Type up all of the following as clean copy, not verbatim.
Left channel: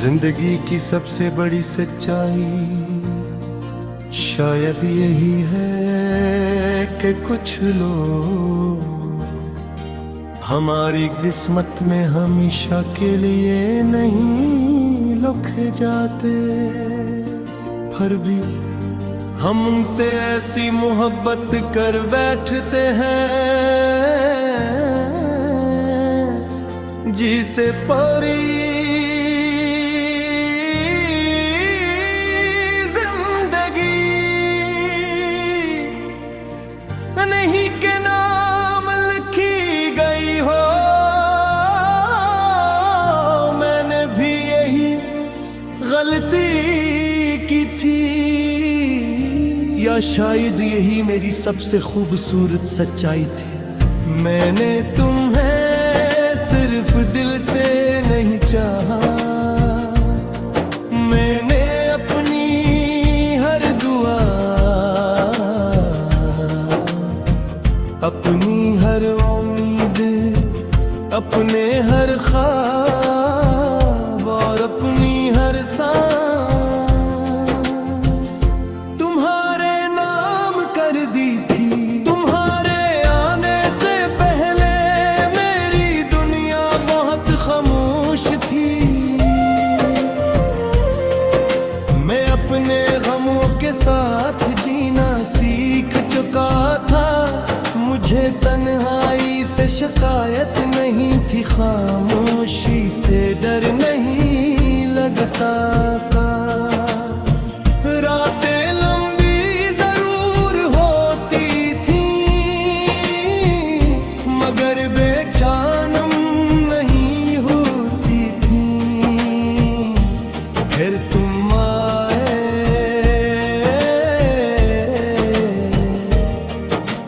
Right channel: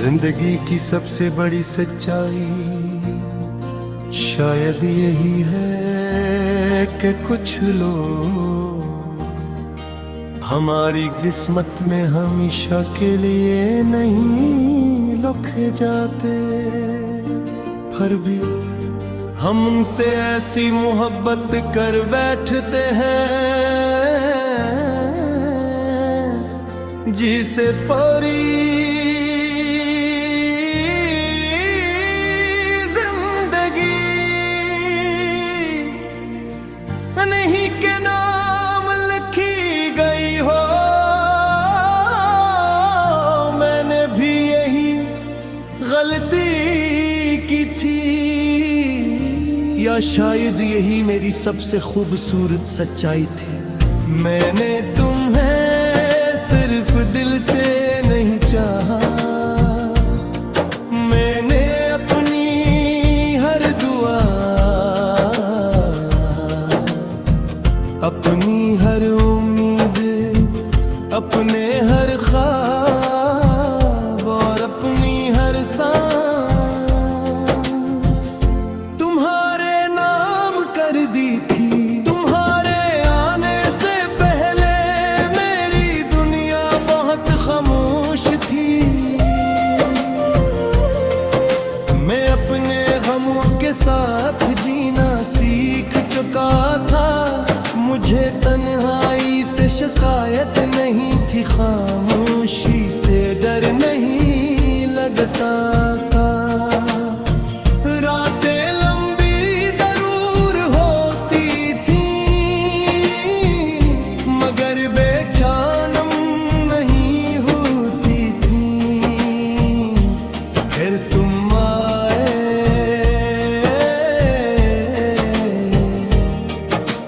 जिंदगी की सबसे बड़ी सच्चाई शायद यही है कि कुछ लोग हमारी किस्मत में हमेशा के लिए नहीं लिखे जाते, फिर भी हम उनसे ऐसी मोहब्बत कर बैठते हैं जिसे परी नहीं के नाम लिखी गई हो। मैंने भी यही गलती की थी, या शायद यही मेरी सबसे खूबसूरत सच्चाई थी। मैंने तुम्हें सिर्फ दिल से नहीं चाहा, मैंने अपनी हर दुआ, अपनी हर उम्मीद, अपने हर ख्वाब और अपनी हर सांस तुम्हारे नाम कर दी थी। तुम्हारे आने से पहले मेरी दुनिया बहुत खामोश थी। मैं अपने गमों के साथ जीना सीख चुका था। मुझे तन्हाई से शिकायत नहीं थी, खामोशी से डर नहीं लगता था। रातें लंबी जरूर होती थी, मगर बेचैन नहीं होती थी। फिर तुम आए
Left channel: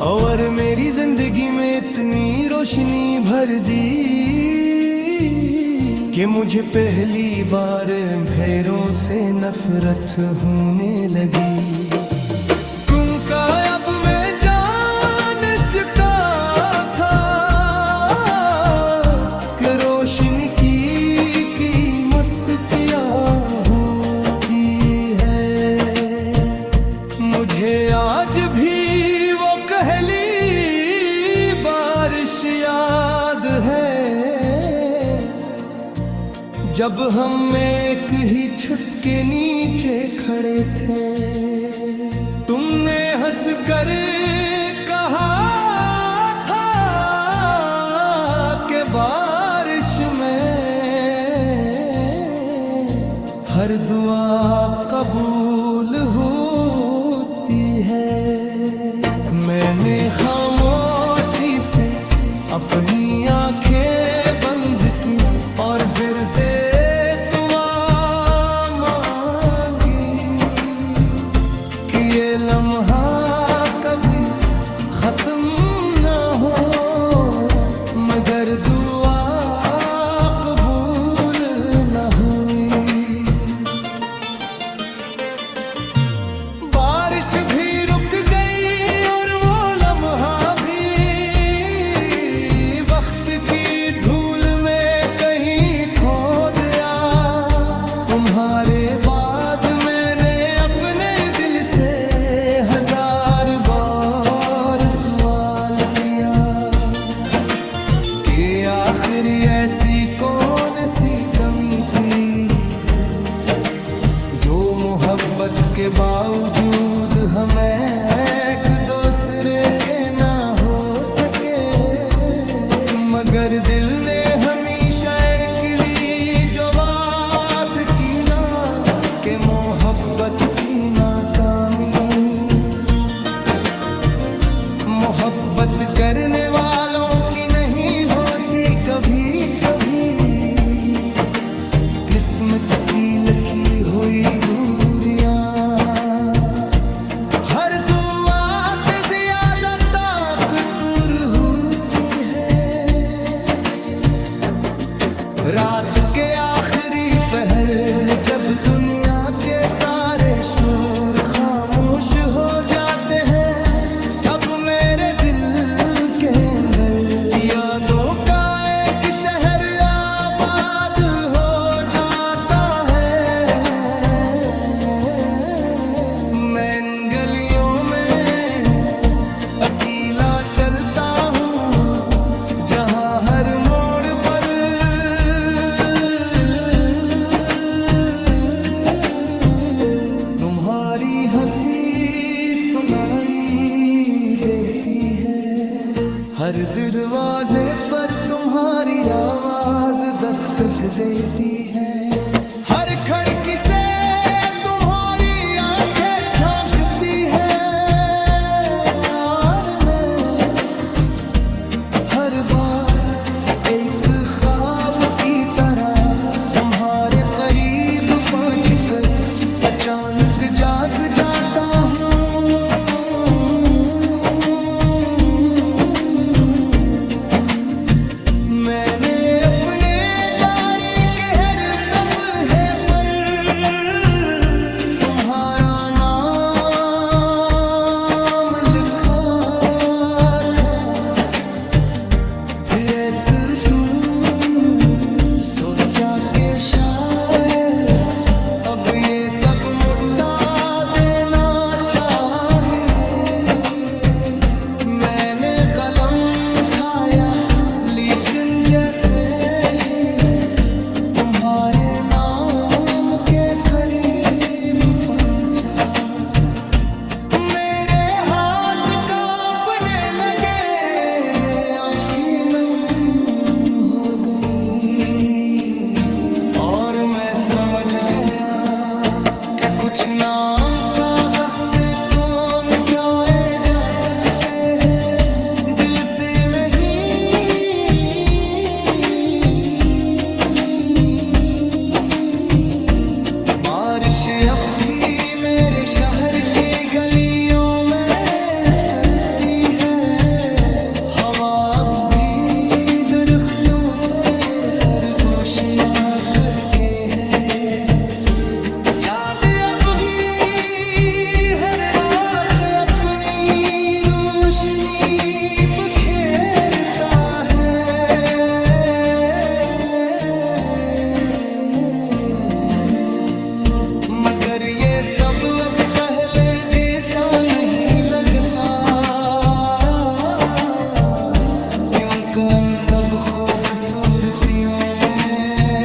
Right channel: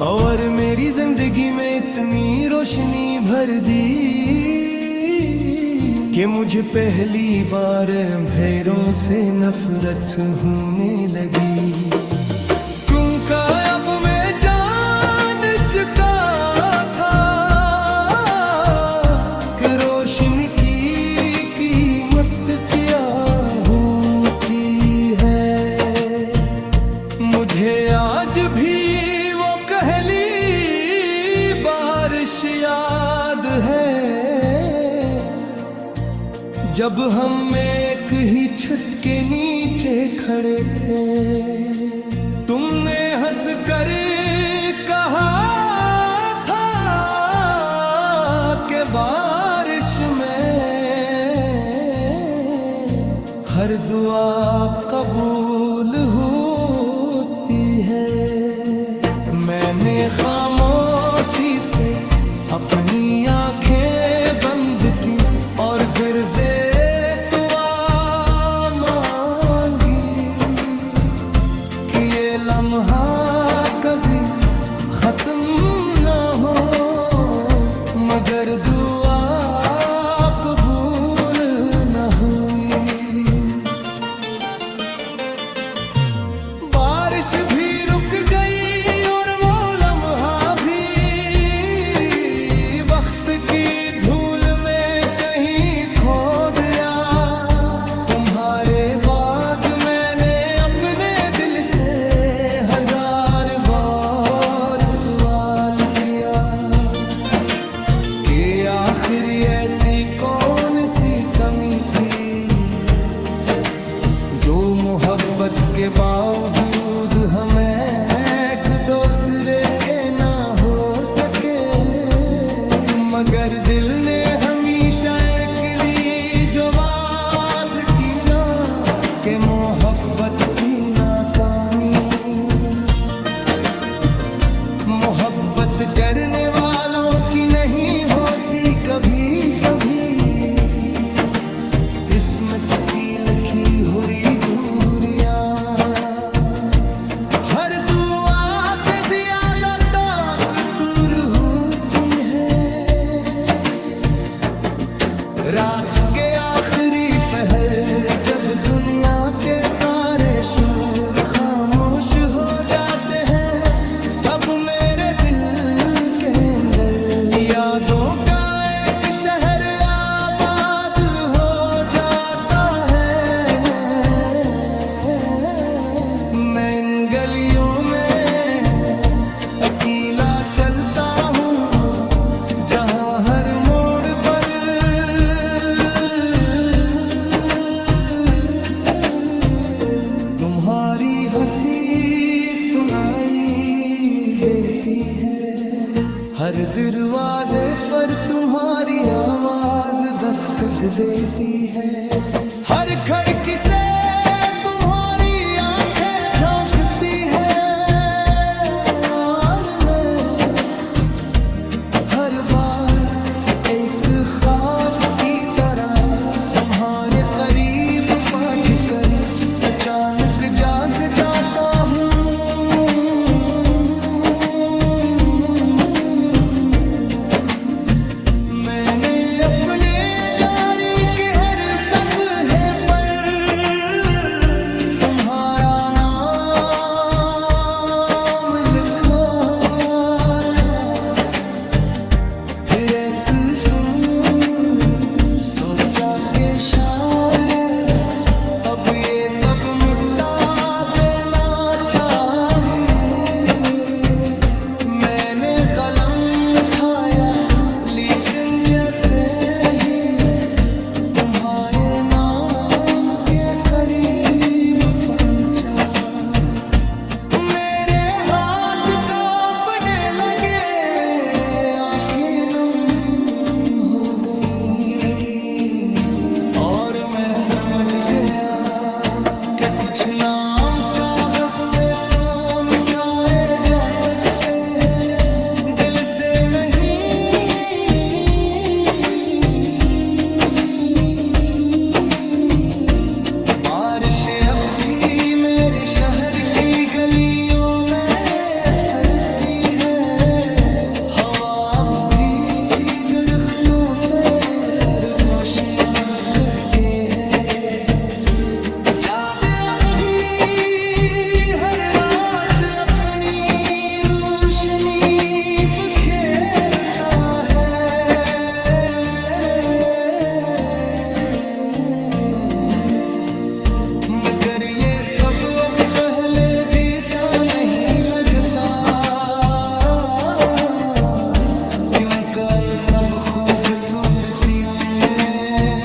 और मेरी जिंदगी में इतनी रोशनी भर दी कि मुझे पहली बार अंधेरों से नफरत होने लगी। क्योंकि अब मैं जान चुका था कि रोशनी की कीमत क्या होती है। मुझे आज भी वो पहली बारिश याद है, जब हम एक ही छत के नीचे खड़े थे। तुमने हंस कर कहा था कि बारिश में हर दुआ कबूल होती है। मैंने खामोशी से अपनी आंखें बंद की और ज़िर से दुआ मांगी कि ये लम्हा कभी खत्म ना हो, मगर दुआ कबूल ना हुई। बारिश भी रुक गई और वो लम्हा भी वक्त की धूल में कहीं खो गया। तुम्हारे बाद मैंने अपने दिल से हजार बार सवाल किया कि आखिर ऐसी कौन सी कमी थी जो मोहब्बत के बावजूद हमें एक दूसरे के ना हो सके। मगर दिल ने हमेशा एक ली जो वाद की ना कि मोहब्बत की नाकामी। मोहब्बत करने वालों की नहीं होती कभी कभी, किस्मत की लिखी हुई दूरियां। हर दुआ से ज्यादा ताकतूर होती है। रात के आखिरी पहर जब दुनिया के सारे शोर खामोश हो जाते हैं, तब मेरे दिल के अंदर यादों का एक शहर आबाद हो जाता है। गलियों में अकेला चलता हूँ, जहाँ हर मोड़ पर तुम्हारी हंसी सुनाई देती है। हर दरवाजे पर तुम्हारी आवाज दस्तक देती है। हर खिड़की से तुम्हारी आंखें झांकती है, और मैं हर बार एक ख्वाब की तरह तुम्हारे करीब पहुंच कर अचानक जाग जाता हूँ। मैंने अपने जारी के हर सफ़े पर तुम्हारा नाम लिखा था। फिर एक तुम सोचा के शायद अब ये सब मुट्टा देना चाहिए। मैंने कलम उठाया, लेकिन जैसे ही तुम्हारे नाम के करीब पहुंचा, मेरे हाथ कांपने लगे, आंखें नम हो गईं, और मैं समझ गया कि कुछ नाम कागज से तो मिटाए जा सकते हैं, दिल से नहीं। बारिश अब भी मेरे शहर की गलियों में थरती है, हवा अब भी दरख्तों से सरगोशियां करके है। चांद अब भी हर रात अपनी रोशनी बखेरता है, मगर ये सब अब पहले जैसा नहीं लगता, क्योंकि उन सब खूबसूरतियों में